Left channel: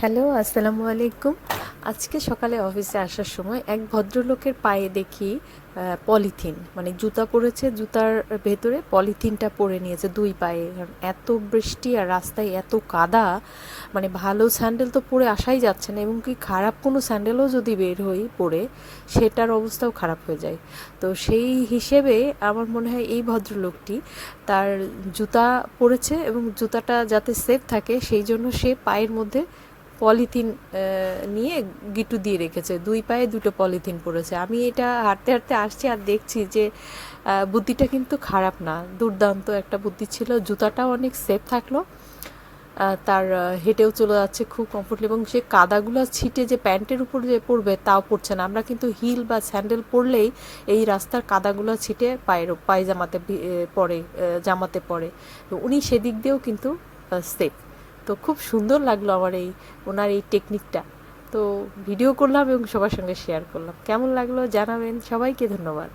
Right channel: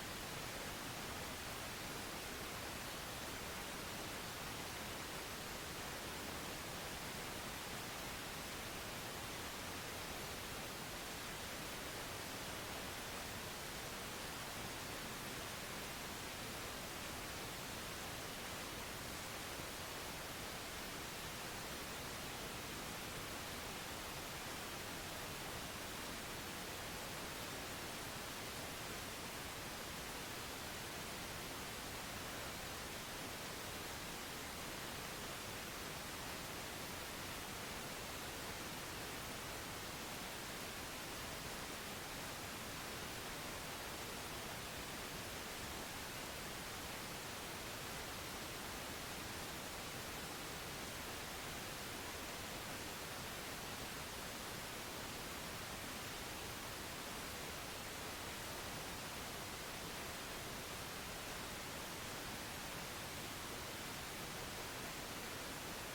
Hello, আসসালামু আলাইকুম। আজকে সকালে অফিসে আসার সময় এক ভদ্রলোকের পায়ে দেখি পলিথিন। মানে জুতা পরেছে, জুতার ভেতরে পলিথিনটা পরে নিয়েছে দুই পায়ে। এত বৃষ্টি আর রাস্তায় এত কাদা মানে ভালো স্যান্ডেল তো পরে আসাই যাচ্ছে না, এবং কি খারাপ কোনো স্যান্ডেলও যদি বের হই পরে, সেটার অবস্থাও খারাপ হয়ে যায়। তো সেই হিসেবে আমার মনে হয় এই ভদ্রলোকটি তার জুতা পরেছে, এবং জুতাটা যাতে সেফ থাকে, সেই জন্য সে পায়ের মধ্যে পলিথিন নিয়ে গিটু দিয়ে রেখেছে। দুই পায়ে দুটো পলিথিন পড়েছে। আমি এটা হাঁটতে হাঁটতে আসছি আর দেখছি যে বুদ্ধিটা কিন্তু খারাপ না। দুর্দান্ত একটা বুদ্ধি ছিল। জুতাটাও অনেক সেফ থাকল। তার হেঁটেও চলে যাচ্ছে খুব কমফোর্টেবল এবং সে কাদাগুলো ছিটে যে প্যান্টের উপর যে পড়বে তাও পড়ছে না। আমরা কিন্তু হিল বা স্যান্ডেল পরলেই এই রাস্তার কাদাগুলো ছিটে পায়ের পায়জামাতে পড়ে জামাতে তো উনি সেদিক দিয়েও কিন্তু সেফ তো খুব সুন্দর লাগল আমার এই ওনার এই টেকনিকটা তো ভিডিও করলাম এবং সবার সঙ্গে শেয়ার করলাম। কেমন লাগল জানাবেন। সবাইকে ধন্যবাদ।